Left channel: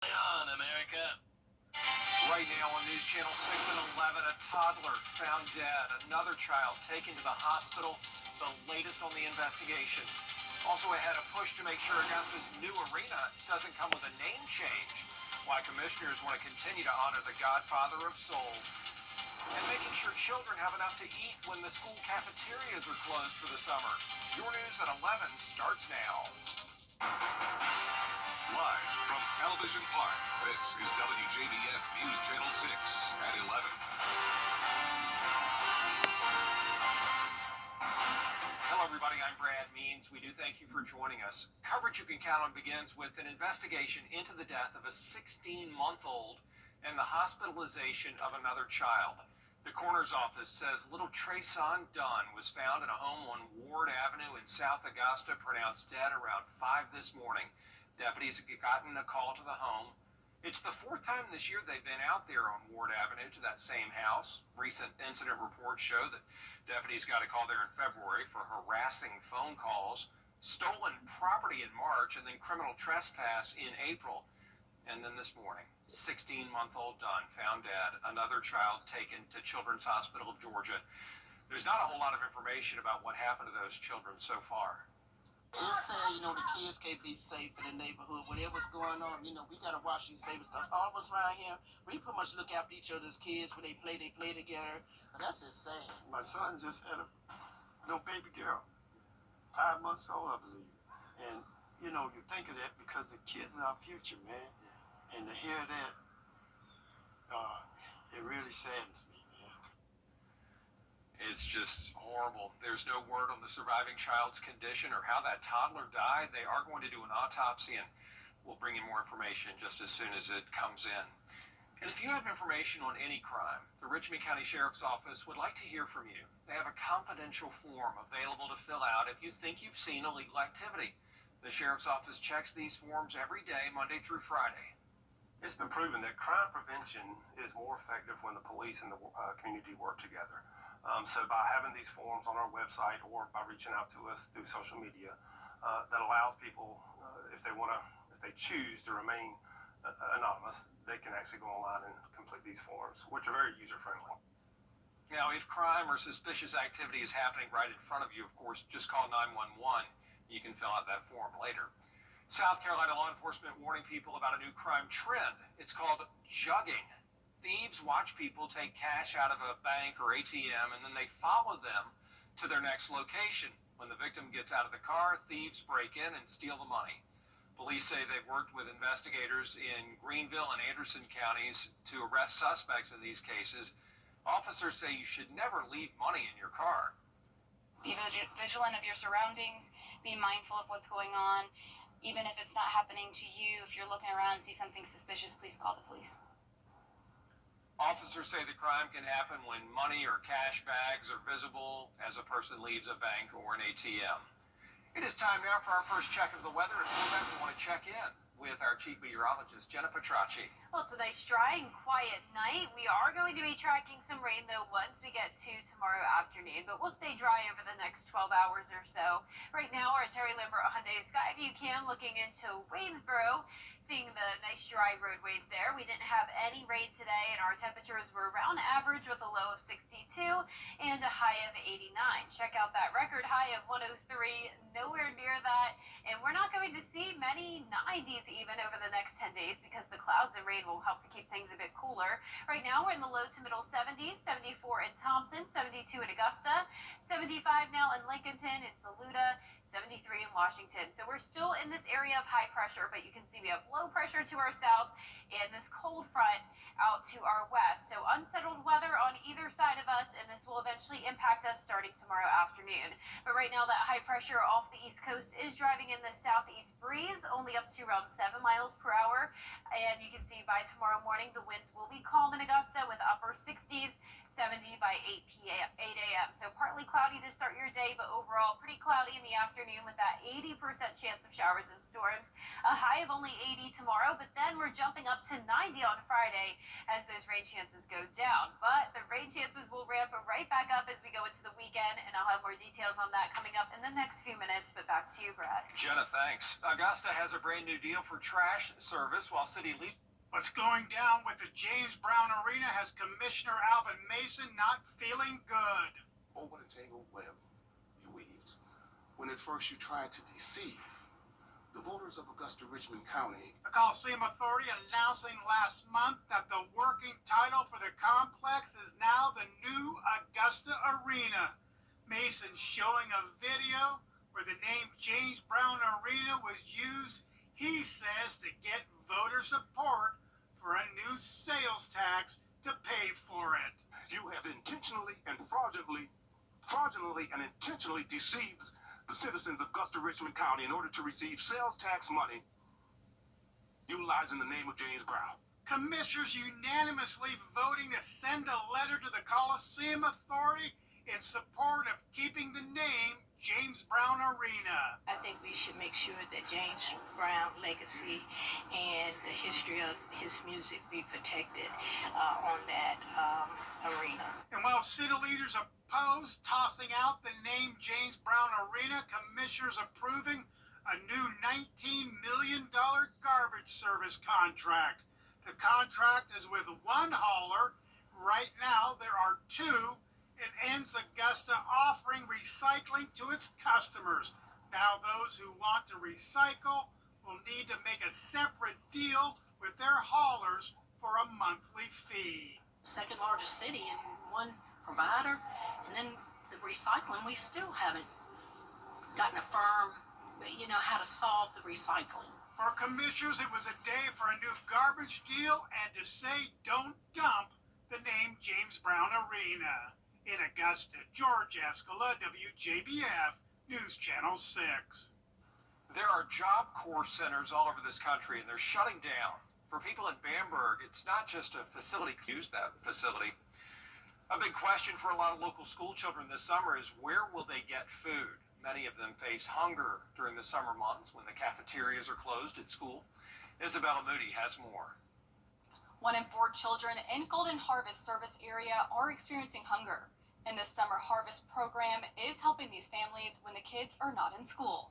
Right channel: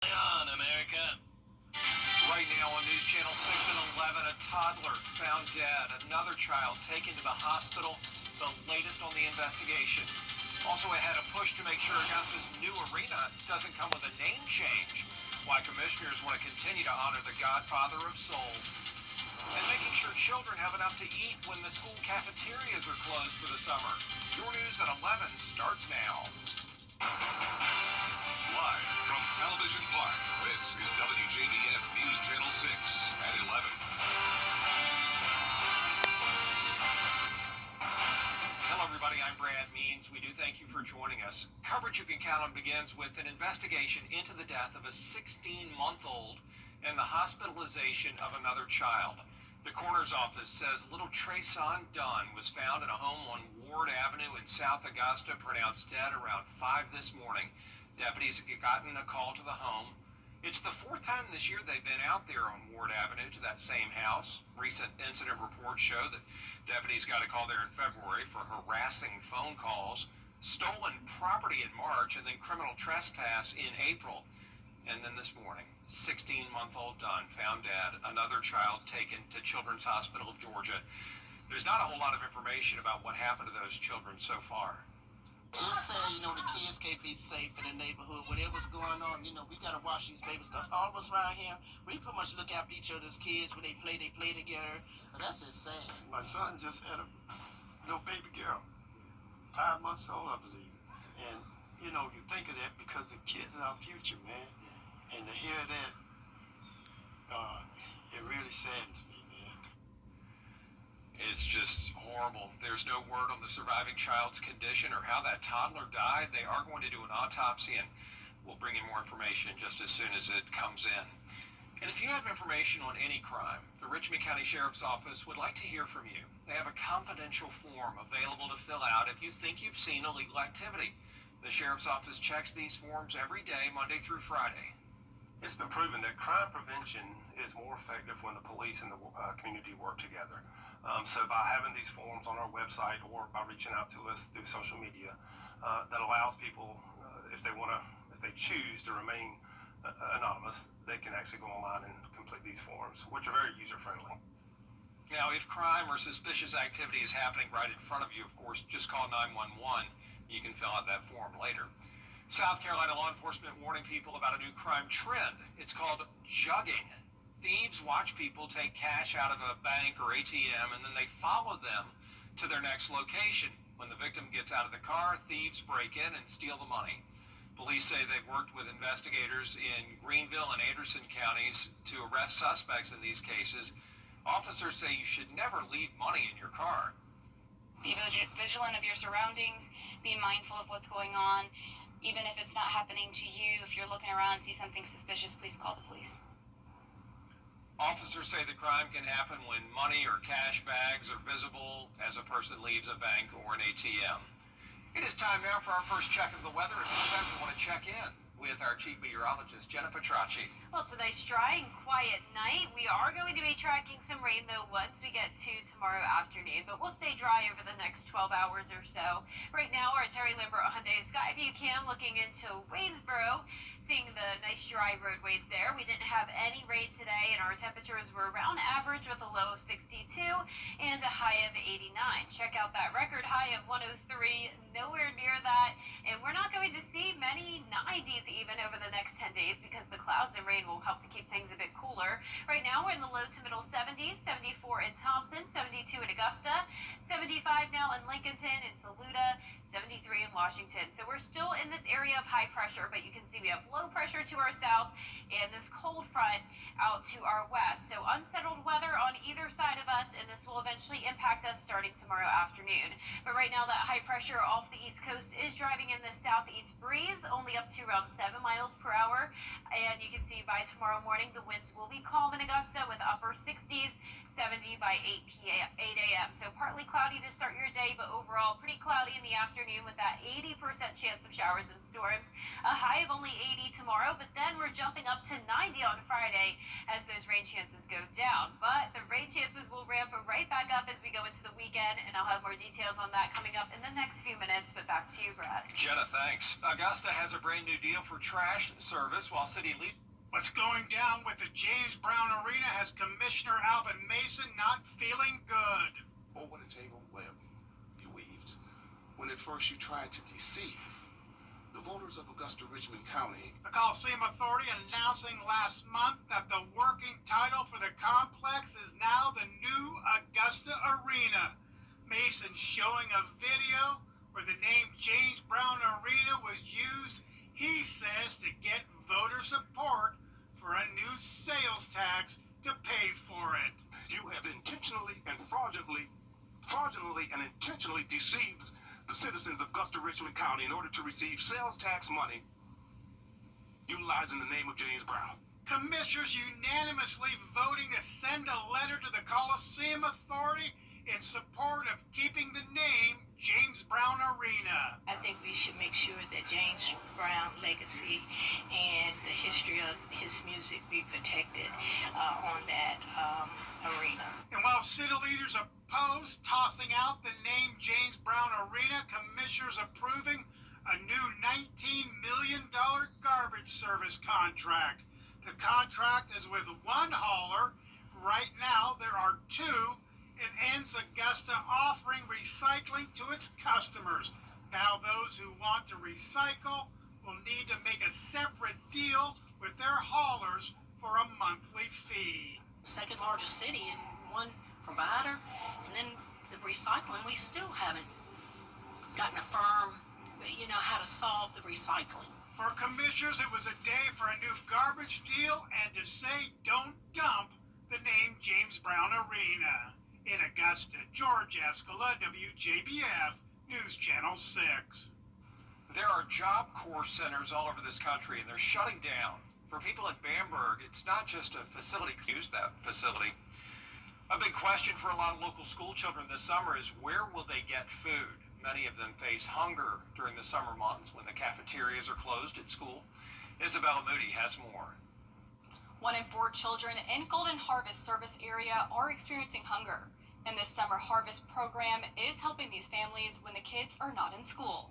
On, America. Right now on News Channel 6 and 11, a toddler found dead. Another child taken to the hospital. The latest on the investigation. Also ahead, a push to make sure Augusta's new arena doesn't come with a name change. Why commissioners want to continue to honor the godfather of soul. And making sure children have enough to eat when the school cafeterias are closed for the summer. Your news at 11 starts now. Live from Television Park, this is WJBF News Channel 6 at 11. Hello, everybody. I'm Brad Means. We do thank you for joining us. Coverage you can count on begins with an investigation into the death of a 16-month-old and the hospitalization of another child. The coroner's office says little Trayson Dunn was found in a home on Ward Avenue in South Augusta, pronounced dead around 5 this morning. Deputies had gotten a call to the home. It's the fourth time this year they've been out there on Ward Avenue to that same house. Recent incident reports show that deputies got a call there in February for harassing phone calls, stolen property in March, and then criminal trespass in April. And then this morning, 16-month-old Dunn found dead, another child taken to Children's Hospital of Georgia. There's not a whole lot of information about what happened to those children so far. It's sad, the kids can't be safe in the neighborhood. Whatever's going on, we got to watch these babies. Because all of us around here, we pretty much look after each other's kids. When they play together. But that's just sad. My son just had a little baby girl, 5 months old, I believe. And, you think of that because the kids are our future, man. And to hear that, it really saddens me, man. It's just horrible. There's no word on the surviving child's condition or how that toddler died. They are going to do an autopsy, and we'll bring you more information just as soon as it comes in. And if you have information on any crime, the Richmond County Sheriff's Office would like to hear from you. They have a confidential form available to fill out if you think you've seen illegal activity. The Sheriff's Office checks these forms every day, Monday through Friday. It's been proven that crime prevention is more effective when the police and the community work together. So by having these forms on our website or by reaching out to us through social media, that allows people, if they choose to remain anonymous, they can actually go online and complete these forms, which are very user-friendly. Now, if crime or suspicious activity is happening right in front of you, of course, just call 911. You can fill out that form later. South Carolina law enforcement warning people about a new crime trend. It's called jugging. Thieves watch people take cash out of a bank or ATM, and then they follow them to their next location. When the victim gets out of the car, thieves break in and steal the money. Police say they've worked with investigators in Greenville and Anderson counties to arrest suspects in these cases. Officers say you should never leave money in your car. Be vigilant of your surroundings. Be mindful of what's going on. Even if it's not happening to you, if you're looking around and see something suspicious, please call the police. Officers say the crime can happen when money or cash bags are visible as a person leaves a bank or an ATM. It is time now for our first check of the weather, and for that we want to check in with our chief meteorologist, Jenna Petracci. Well, it's a nice, dry and quiet night. We are going to be tracking some rain, though, once we get to tomorrow afternoon, but we'll stay dry over the next 12 hours or so. Right now, we're at Terry Lambert Hyundai Skyview Cam looking into Waynesboro, seeing the nice, dry roadways there. We didn't have any rain today, and our temperatures were around average with a low of 62 and a high of 89. Check out that record high of 103, nowhere near that, and we're not going to see many 90s even over the next 10 days because the clouds and rain will help to keep things a bit cooler. Right now we're in the low to middle 70s, 74 in Thompson, 72 in Augusta, 75 now in Lincolnton and Saluda, 73 in Washington. So we're still in this area of high pressure, but you can see we have low pressure to our south and this cold front out to our west. So unsettled weather on either side of us, and this will eventually impact us starting tomorrow afternoon. But right now that high pressure off the east coast is driving in the southeast breeze, only up to around 7 miles per hour. And you can see by tomorrow morning, the winds will be calm in Augusta with upper 60s, 70 by 8 a.m. So partly cloudy to start your day, but overall pretty cloudy in the afternoon with that 80% chance of showers and storms. A high of only 80 tomorrow, but then we're jumping up to 90 on Friday as those rain chances go down. But the rain chances will ramp right back up as we go into the weekend, and I'll have more details on that coming up in the next few minutes. But back to you, Brad. Jenna, thanks. Augusta has a brand new deal for trash service while city leaders. What's going down with the James Brown Arena has Commissioner Alvin Mason not feeling good. Oh, what a tangled web you weaved. When at first you tried to deceive the voters of Augusta Richmond County. The Coliseum Authority announcing last month that the working title for the complex is now the new Augusta Arena. Mason showing a video where the name James Brown Arena was used, he says, to get voter support for a new sales tax to pay for it. You have intentionally and fraudulently and intentionally deceived the citizens of Augusta Richmond County in order to receive sales tax money utilizing the name of James Brown. Commissioners unanimously voting to send a letter to the Coliseum Authority in support of keeping the name James Brown Arena. I think we should make sure that James Brown legacy and the history of his music be protected on that arena. And while city leaders oppose tossing out the name James Brown Arena, commissioners approving a new $19 million garbage service contract. The contract is with one hauler. Right now, there are two. It ends Augusta offering recycling to its customers. Now those who want to recycle will need to make a separate deal with their haulers for a monthly fee. Second largest city and one provider, and then the recycling, we still haven't gotten a firm, how to solve the recycling. For commissioners, it was a day for a new garbage deal and to say don't dump the name James Brown Arena. In Augusta, George Escala, WJBF, News Channel 6. There are Job Corps centers all over this country, and they're shutting down. For people in Bamberg, it's not just a facility. Use that facility. A big question for a lot of local school children this summer is where will they get food? Many of them face hunger during the summer months when the cafeterias are closed at school. Isabella Moody has more. 1 in 4 children in Golden Harvest service area are experiencing hunger, and this summer harvest program is helping these families when the kids are not in school.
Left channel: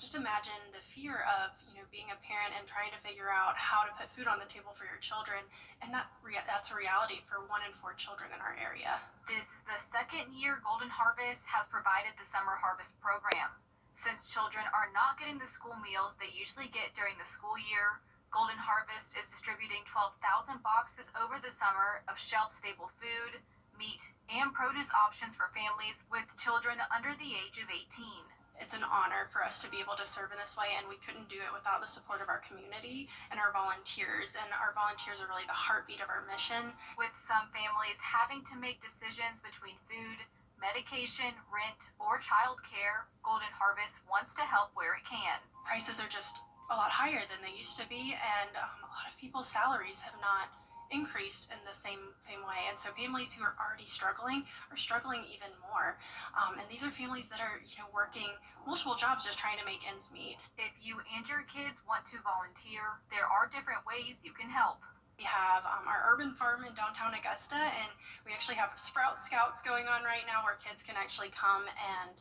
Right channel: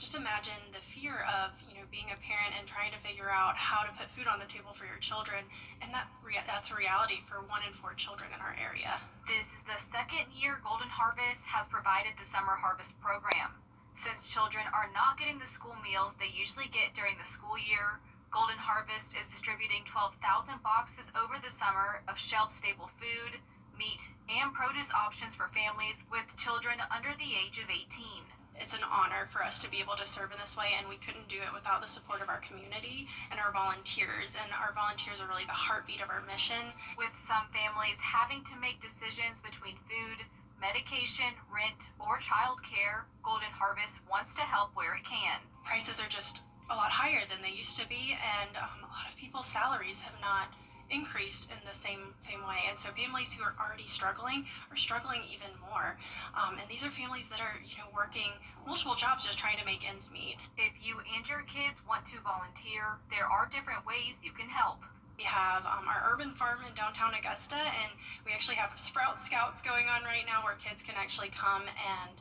Just imagine the fear of, being a parent and trying to figure out how to put food on the table for your children, and that's a reality for 1 in 4 children in our area. This is the second year Golden Harvest has provided the summer harvest program. Since children are not getting the school meals they usually get during the school year, Golden Harvest is distributing 12,000 boxes over the summer of shelf-stable food, meat, and produce options for families with children under the age of 18. It's an honor for us to be able to serve in this way, and we couldn't do it without the support of our community and our volunteers. And our volunteers are really the heartbeat of our mission. With some families having to make decisions between food, medication, rent, or childcare, Golden Harvest wants to help where it can. Prices are just a lot higher than they used to be, and a lot of people's salaries have not increased in the same way, and so families who are already struggling are struggling even more. And these are families that are working multiple jobs just trying to make ends meet. If you and your kids want to volunteer, there are different ways you can help. We have our urban farm in downtown Augusta, and we actually have Sprout Scouts going on right now where kids can actually come and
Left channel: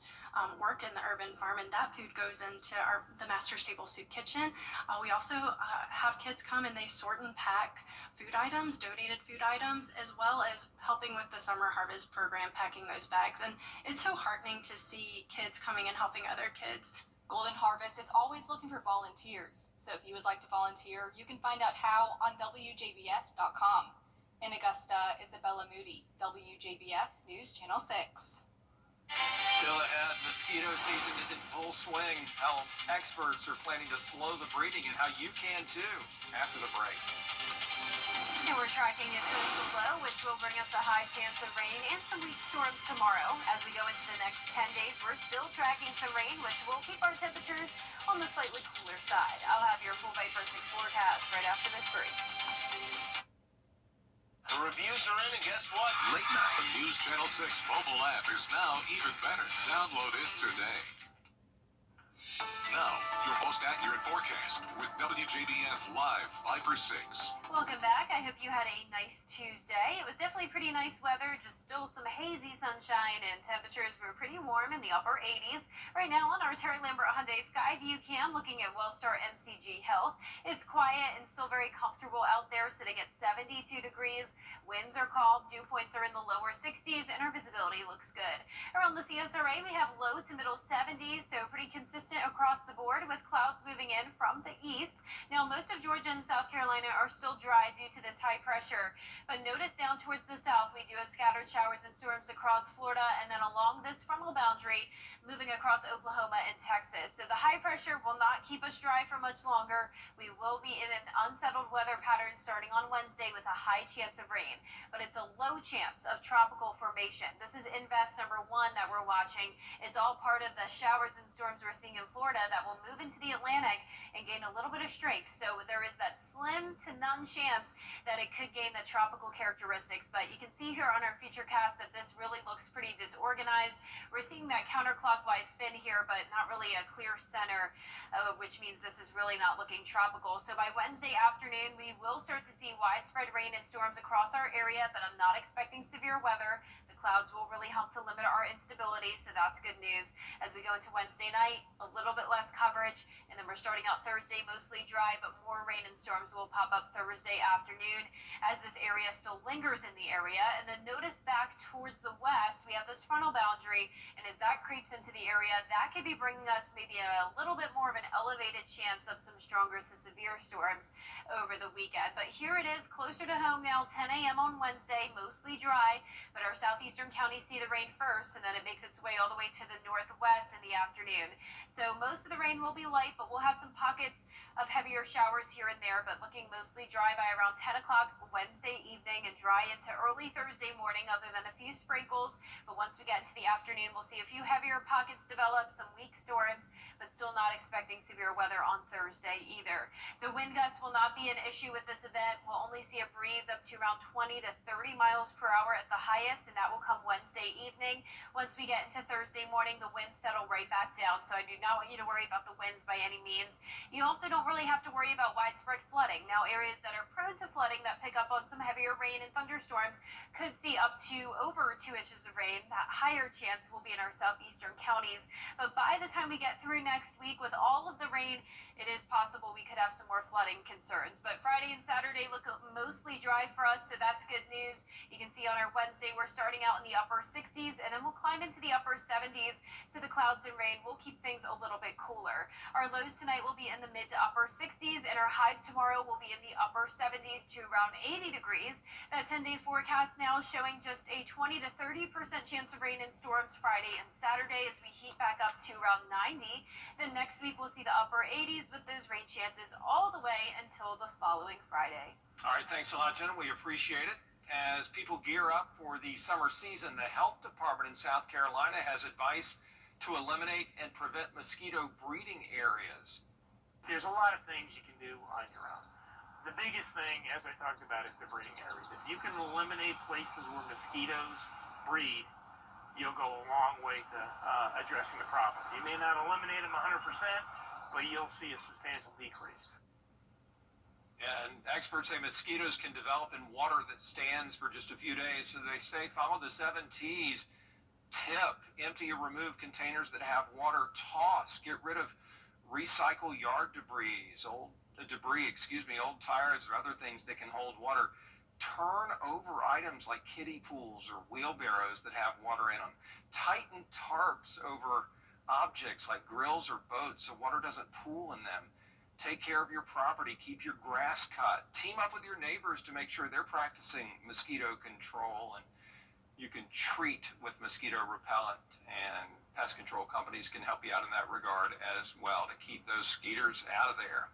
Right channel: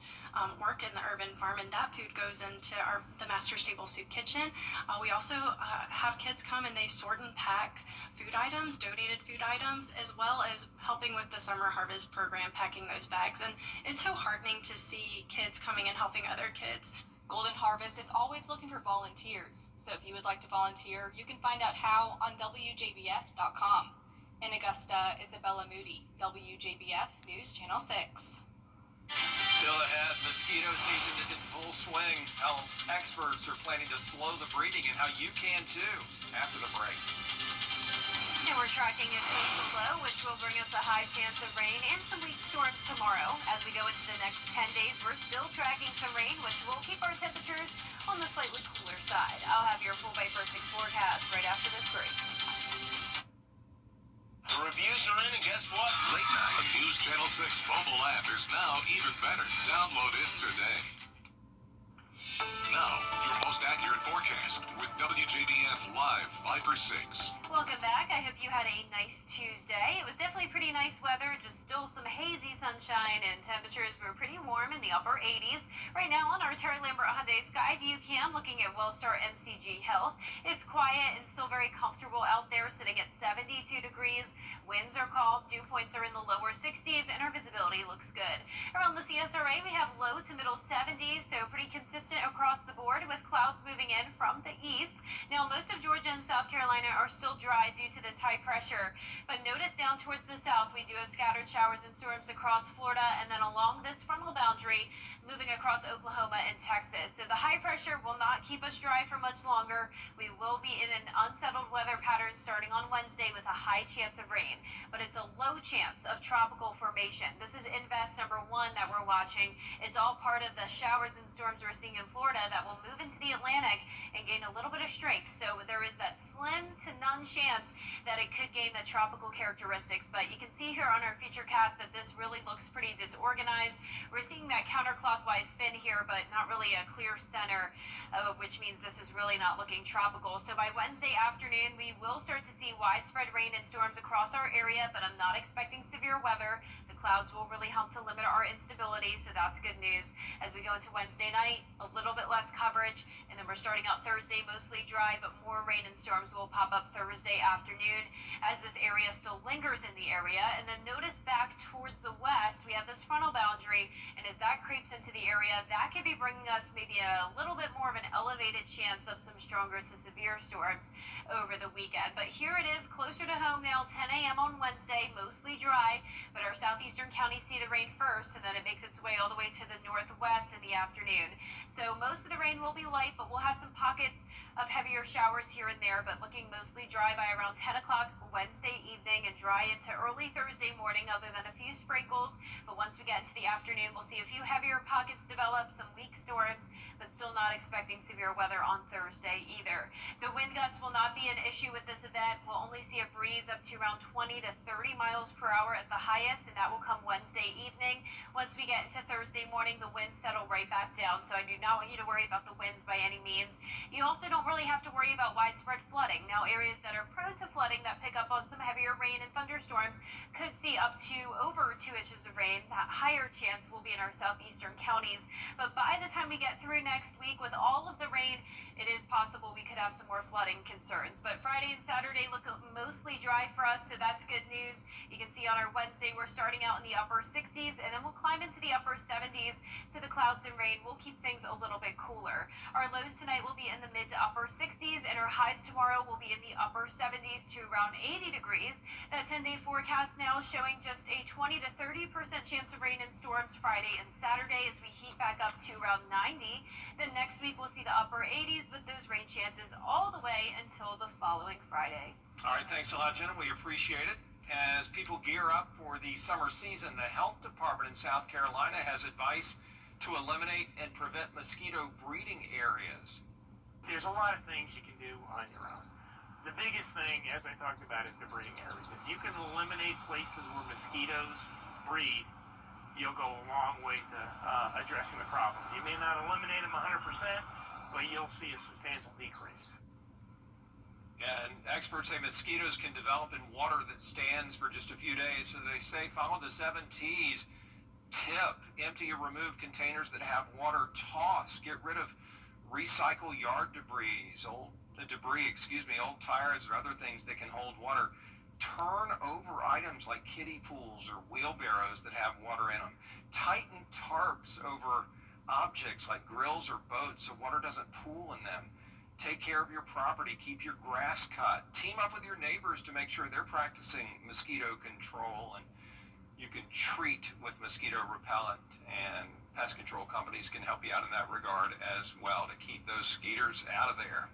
work in the urban farm, and that food goes into the Master's Table Soup Kitchen. We also have kids come and they sort and pack food items, donated food items, as well as helping with the summer harvest program, packing those bags. And it's so heartening to see kids coming and helping other kids. Golden Harvest is always looking for volunteers, so if you would like to volunteer, you can find out how on WJBF.com. In Augusta, Isabella Moody, WJBF News Channel 6. Still ahead, mosquito season is in full swing. How experts are planning to slow the breeding and how you can too after the break. And we're tracking a coastal low, which will bring us a high chance of rain and some weak storms tomorrow. As we go into the next 10 days, we're still tracking some rain, which will keep our temperatures on the slightly cooler side. I'll have your full Viper 6 forecast right after this break. The reviews are in, and guess what? Late night. The News Channel 6 mobile app is now even better. Download it today. Now, your most accurate forecast with WJBF Live 5 for 6. Welcome back. I hope you had a nice Tuesday. It was definitely pretty nice weather, just still some hazy sunshine, and temperatures were pretty warm in the upper 80s. Right now on our Terry Lambert Hyundai Skyview cam, looking at Wellstar MCG Health. It's quiet and still very comfortable out there, sitting at 72 degrees. Winds are calm, dew points are in the lower 60s, and our visibility looks good. Around the CSRA, we have low to middle 70s, so pretty consistent across the board with clouds moving in from the east. Now, most of Georgia and South Carolina are still dry due to this high pressure, but notice down towards the south, we do have scattered showers and storms across Florida, and then along this frontal boundary, moving across Oklahoma and Texas. So the high pressure will not keep us dry for much longer. We will be in an unsettled weather pattern starting on Wednesday with a high chance of rain, but it's a low chance of tropical formation. This is Invest number 1 that we're watching. It's all part of the showers and storms we're seeing in Florida that will move into the Atlantic and gain a little bit of strength. So there is that slim to none chance that it could gain the tropical characteristics. But you can see here on our futurecast that this really looks pretty disorganized. We're seeing that counterclockwise spin here, but not really a clear center, which means this is really not looking tropical. So by Wednesday afternoon, we will start to see widespread rain and storms across our area, but I'm not expecting severe weather. The clouds will really help to limit our instability, so that's good news. As we go into Wednesday night, a little bit less coverage, and then we're starting out Thursday mostly dry, but more rain and storms will pop up Thursday afternoon as this area still lingers in the area. And then notice back towards the west, we have this frontal boundary, and as that creeps into the area, that could be bringing us maybe a little bit more of an elevated chance of some stronger to severe storms over the weekend. But here it is closer to home now, 10 a.m. on Wednesday, mostly dry, but our southeastern counties see the rain first, and then it makes its way all the way to the northwest in the afternoon. So most of the rain will be light, but we'll have some pockets of heavier showers here and there, but looking mostly dry by around 10 o'clock Wednesday evening and dry into early Thursday morning, other than a few sprinkles. But once we get into the afternoon, we'll see a few heavier pockets develop, some weak storms, but still not expecting severe weather on Thursday either. The wind gusts will not be an issue with this event. We'll only see a breeze up to around 20 to 30 miles per hour at the highest, and that will come Wednesday evening. Once we get into Thursday morning, the winds settle right back down, so I do not want you to worry about the winds by any means. You also don't really have to worry about widespread flooding. Now, areas that are prone to flooding that pick up on some heavier rain and thunderstorms could see up to over 2 inches of rain. That higher chance will be in our southeastern counties. But by the time we get through next week with all of the rain, it is possible we could have some more flooding concerns. But Friday and Saturday look mostly dry for us, so that's good news. You can see on our Wednesday, we're starting out in the upper 60s, and then we'll climb into the upper 70s, so the clouds and rain will keep things a little bit cooler. Our lows tonight will be in the mid to upper 60s, and our highs tomorrow will be in the upper 70s to around 80 degrees. That 10-day forecast now showing just a 20 to 30% chance of rain and storms Friday and Saturday as we heat back up to around 90. Then next week we'll see the upper 80s with those rain chances all the way until the following Friday. All right, thanks a lot, Jenna. We appreciate it. As people gear up for the summer season, the health department in South Carolina has advice to eliminate and prevent mosquito breeding areas. There's a lot of things you can do on your own. The biggest thing, as I talked about, is the breeding areas. If you can eliminate places where mosquitoes breed, you'll go a long way to addressing the problem. You may not eliminate them 100%, but you'll see a substantial decrease. And experts say mosquitoes can develop in water that stands for just a few days, so they say follow the 7 T's. Tip: empty or remove containers that have water. Toss: get rid of recycle yard debris, old tires or other things that can hold water. Turn over items like kiddie pools or wheelbarrows that have water in them. Tighten tarps over objects like grills or boats so water doesn't pool in them. Take care of your property. Keep your grass cut. Team up with your neighbors to make sure they're practicing mosquito control, and you can treat with mosquito repellent, and pest control companies can help you out in that regard as well to keep those skeeters out of there.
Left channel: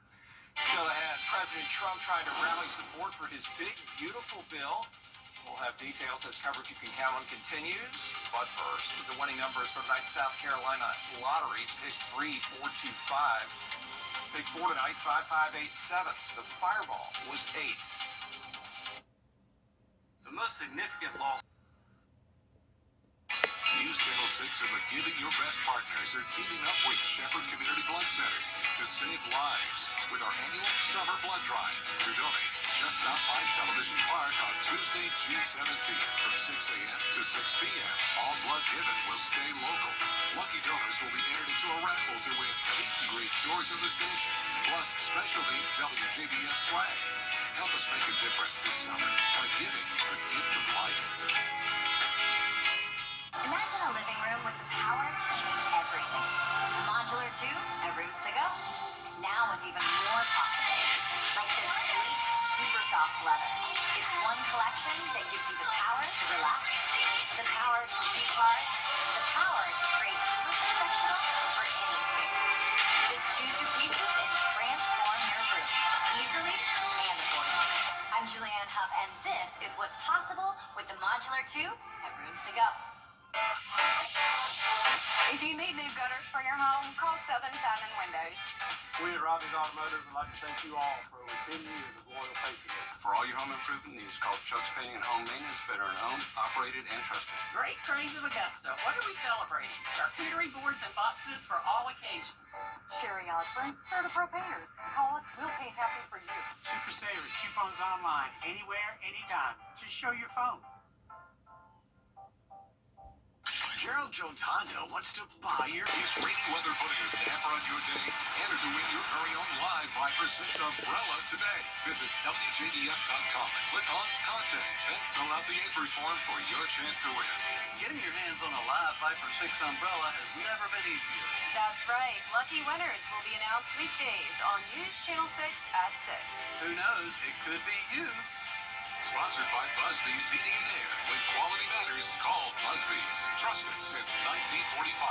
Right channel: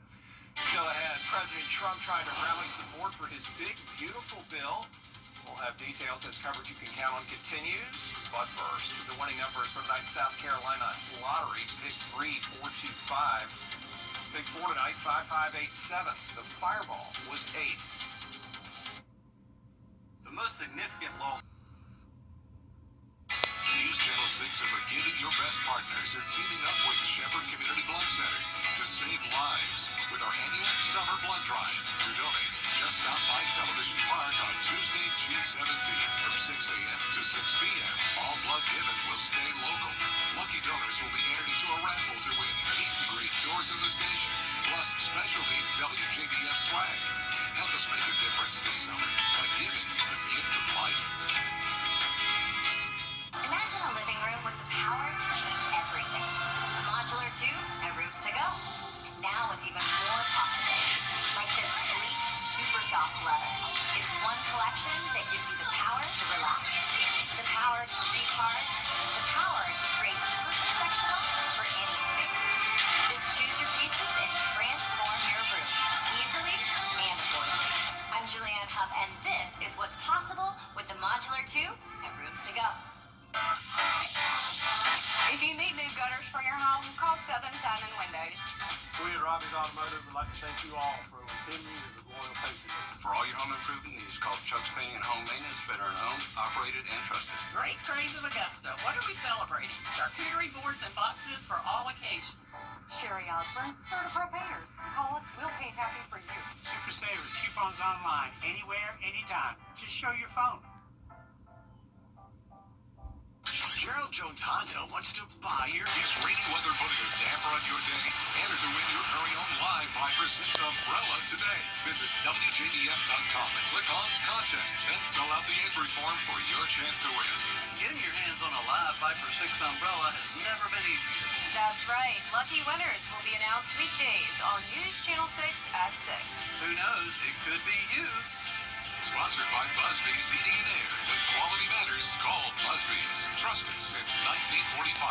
Still ahead, President Trump trying to rally support for his big, beautiful bill. We'll have details as coverage you can count on continues. But first, the winning numbers for tonight's South Carolina Lottery: pick 3, 4, 2, 5. Pick 4 tonight, 5587. The fireball was 8. The most significant loss. News Channel 6 and the Giving Your Best partners are teaming up with Shepherd Community Blood Center to save lives with our annual Summer Blood Drive. To donate, just stop by Television Park on Tuesday, June 17th from 6 a.m. to 6 p.m. All blood given will stay local. Lucky donors will be entered into a raffle to win meet and greet tours of the station, plus specialty WJBF swag. Help us make a difference this summer by giving the gift of life. Imagine a living room with the power to change everything. The Modular 2 at Rooms to Go. Now with even more possibilities, like this sleek, super soft leather. It's one collection that gives you the power to relax, the power to recharge, the power to create the perfect sectional for any space. Just choose your pieces and transform your room easily and affordably. I'm Julianne Huff, and this is what's possible with the Modular 2 at Rooms to Go. If you need new gutters for your home, call Southern Sign and Windows. We at Robbie's Automotive would like to thank you all for over 10 years of loyal patronage. For all your home improvement needs, call Chuck's Painting and Home Maintenance, veteran-owned, operated, and trusted. Grace Craze of Augusta, what are we celebrating? Charcuterie boards and boxes for all occasions. Sherry Osborne, Certipro Painters. Call us, we'll paint happy for you. Super Savers, coupons online, anywhere, anytime. Just show your phone. Gerald Jones Honda wants to buy your... Is rainy weather putting a damper on your day? Enter to win your very own live Viper 6 umbrella today. Visit WJBF.com and click on Contest. Then fill out the entry form for your chance to win. Getting your hands on a live Viper 6 umbrella has never been easier. That's right. Lucky winners will be announced weekdays on News Channel 6 at 6. Who knows? It could be you. Sponsored by Busby's Heating and Air. When quality matters, call Busby's. Trusted since 1945.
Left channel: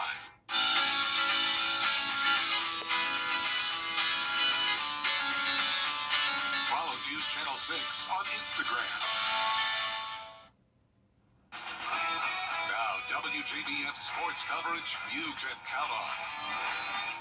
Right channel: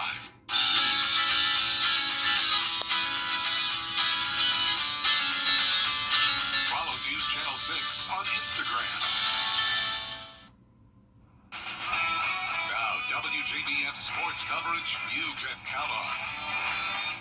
Follow News Channel 6 on Instagram. Now, WJBF sports coverage you can count on.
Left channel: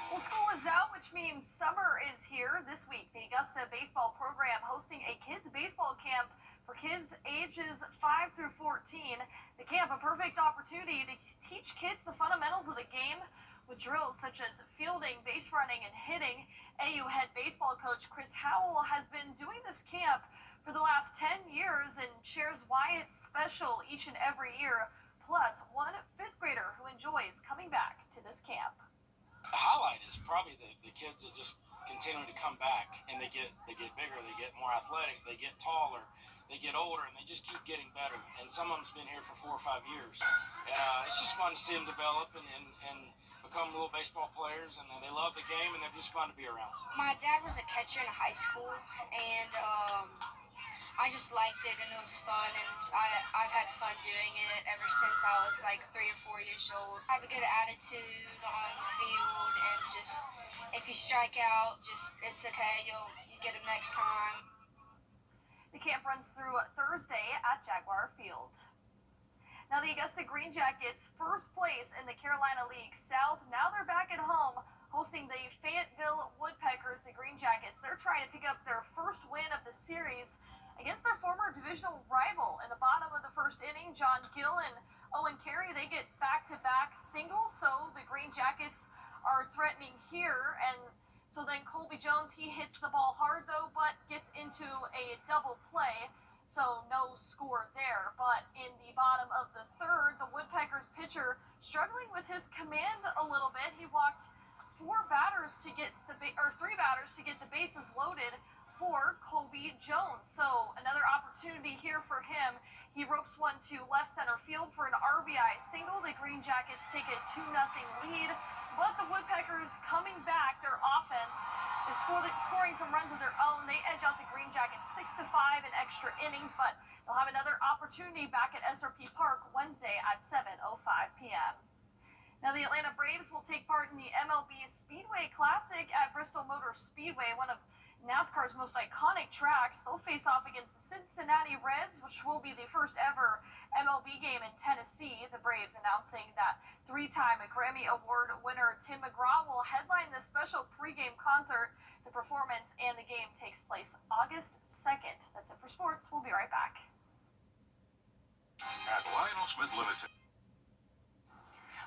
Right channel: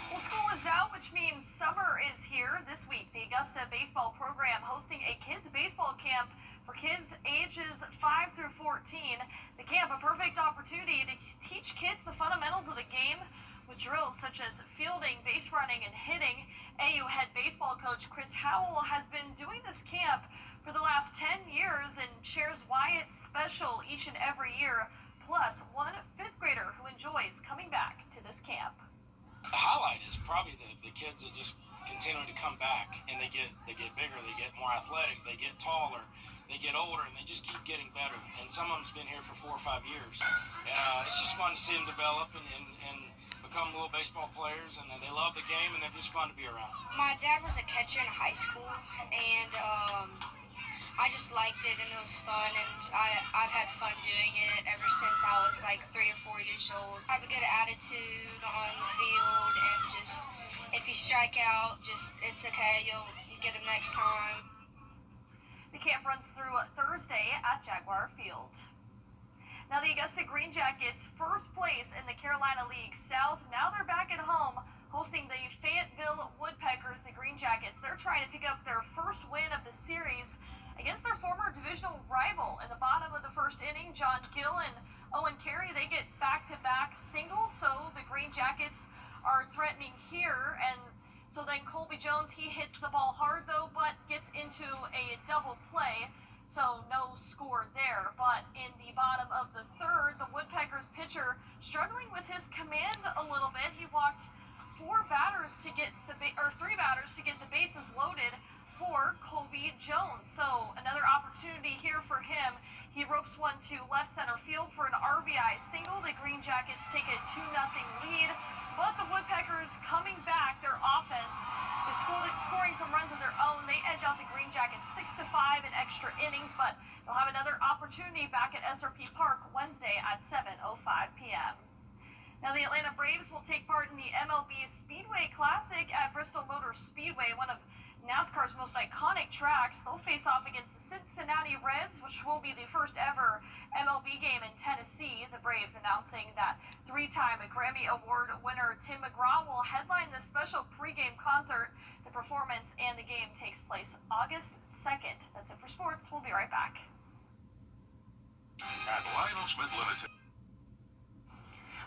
Well, school is out, which means summer is here. This week, the Augusta baseball program hosting a kids baseball camp for kids ages 5 through 14. The camp, a perfect opportunity to teach kids the fundamentals of the game with drills such as fielding, base running, and hitting. AU head baseball coach Chris Howell has been doing this camp for the last 10 years and shares why it's special each and every year. Plus, one fifth grader who enjoys coming back to this camp. The highlight is probably the kids that just continue to come back, and they get bigger, they get more athletic, they get taller, they get older, and they just keep getting better. And some of them's been here for 4 or 5 years. It's just fun to see them develop and become little baseball players, and they love the game, and they're just fun to be around. My dad was a catcher in high school, and I just liked it, and it was fun, and I've had fun doing it ever since I was like 3 or 4 years old. I have a good attitude on the field, and just if you strike out, just it's okay, you get them next time. The camp runs through Thursday at Jaguar Field. Now the Augusta Green Jackets, first place in the Carolina League South. Now they're back at home hosting the Fayetteville Woodpeckers. The Green Jackets, they're trying to pick up their first win of the series against their former divisional rival. In the bottom of the first inning, John Gill and Owen Carey, they get back-to-back singles, so the Green Jackets are threatening here. And so then Colby Jones, he hits the ball hard though, but gets into a double play, so no score there. But in the bottom of the third, the Woodpeckers pitcher struggling with his command a little bit. He walked 3 batters to get the bases loaded for Colby Jones. So another opportunity here for him. He ropes one to left center field for an RBI single. The Green Jackets take a 2-0 lead, but the Woodpeckers coming back. Their offense is scoring some runs of their own. They edge out the Green Jackets 6-5 in extra innings, but they'll have another opportunity back at SRP Park Wednesday at 7:05 p.m. Now, the Atlanta Braves will take part in the MLB Speedway Classic at Bristol Motor Speedway, one of NASCAR's most iconic tracks. They'll face off against the Cincinnati Reds, which will be the first ever MLB game in Tennessee. The Braves announcing that 3-time Grammy Award winner Tim McGraw will headline this special pregame concert. The performance and the game takes place August 2nd. That's it for sports. We'll be right back. At Lionel Smith Limited.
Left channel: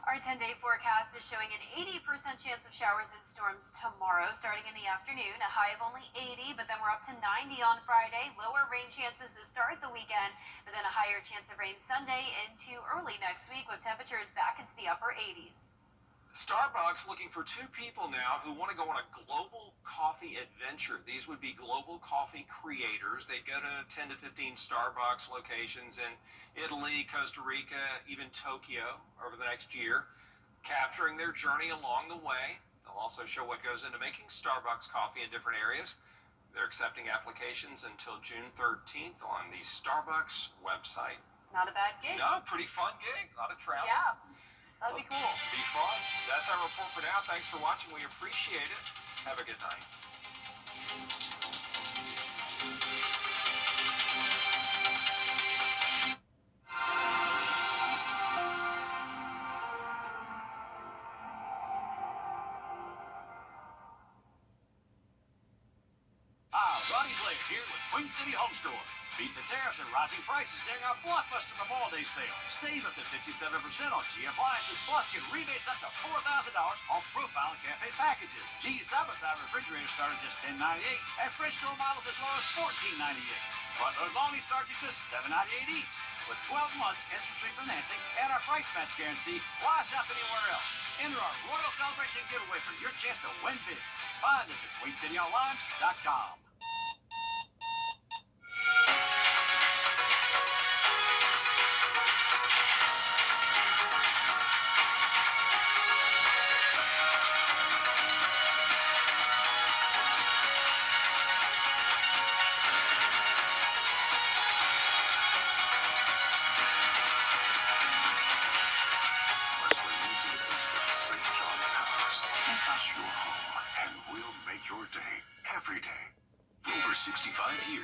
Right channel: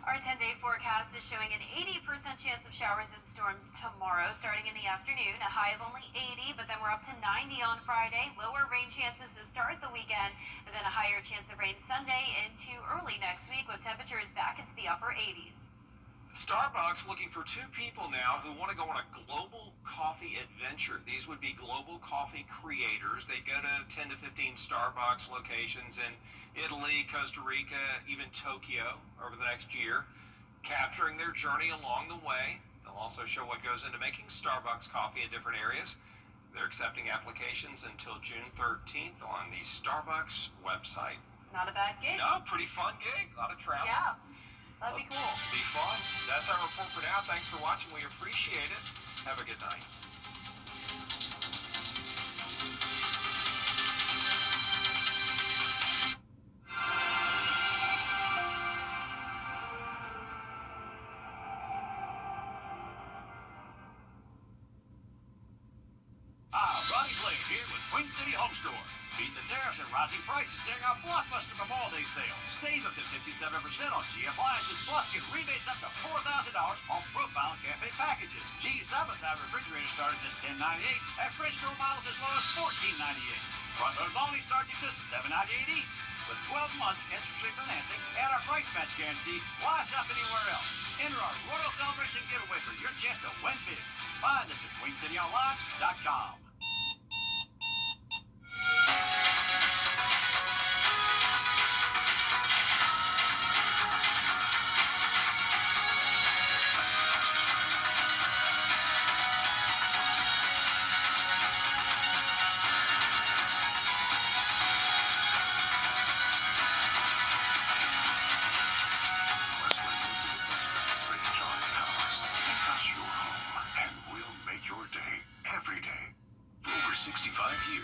Our 10-day forecast is showing an 80% chance of showers and storms tomorrow, starting in the afternoon. A high of only 80, but then we're up to 90 on Friday. Lower rain chances to start the weekend, but then a higher chance of rain Sunday into early next week with temperatures back into the upper 80s. Starbucks looking for 2 people now who want to go on a global coffee adventure. These would be global coffee creators. They'd go to 10 to 15 Starbucks locations in Italy, Costa Rica, even Tokyo over the next year, capturing their journey along the way. They'll also show what goes into making Starbucks coffee in different areas. They're accepting applications until June 13th on the Starbucks website. Not a bad gig. No, pretty fun gig. A lot of travel. Yeah. That'd be cool. Be fun. That's our report for now. Thanks for watching. We appreciate it. Have a good night. Ronnie Blair here with Queen City Home Store. Beat the tariffs and rising prices during our blockbuster Memorial Day sale. Save up to 57% on G appliances, plus get rebates up to $4,000 on Profile and Cafe packages. G side-by-side refrigerators start at just $10.98, and French door models as low as $14.98. Front load loaning starts at just $7.98 each. With 12 months interest-free financing and our price match guarantee, why shop anywhere else? Enter our Royal Celebration giveaway for your chance to win big. Find us at QueenCityOnline.com.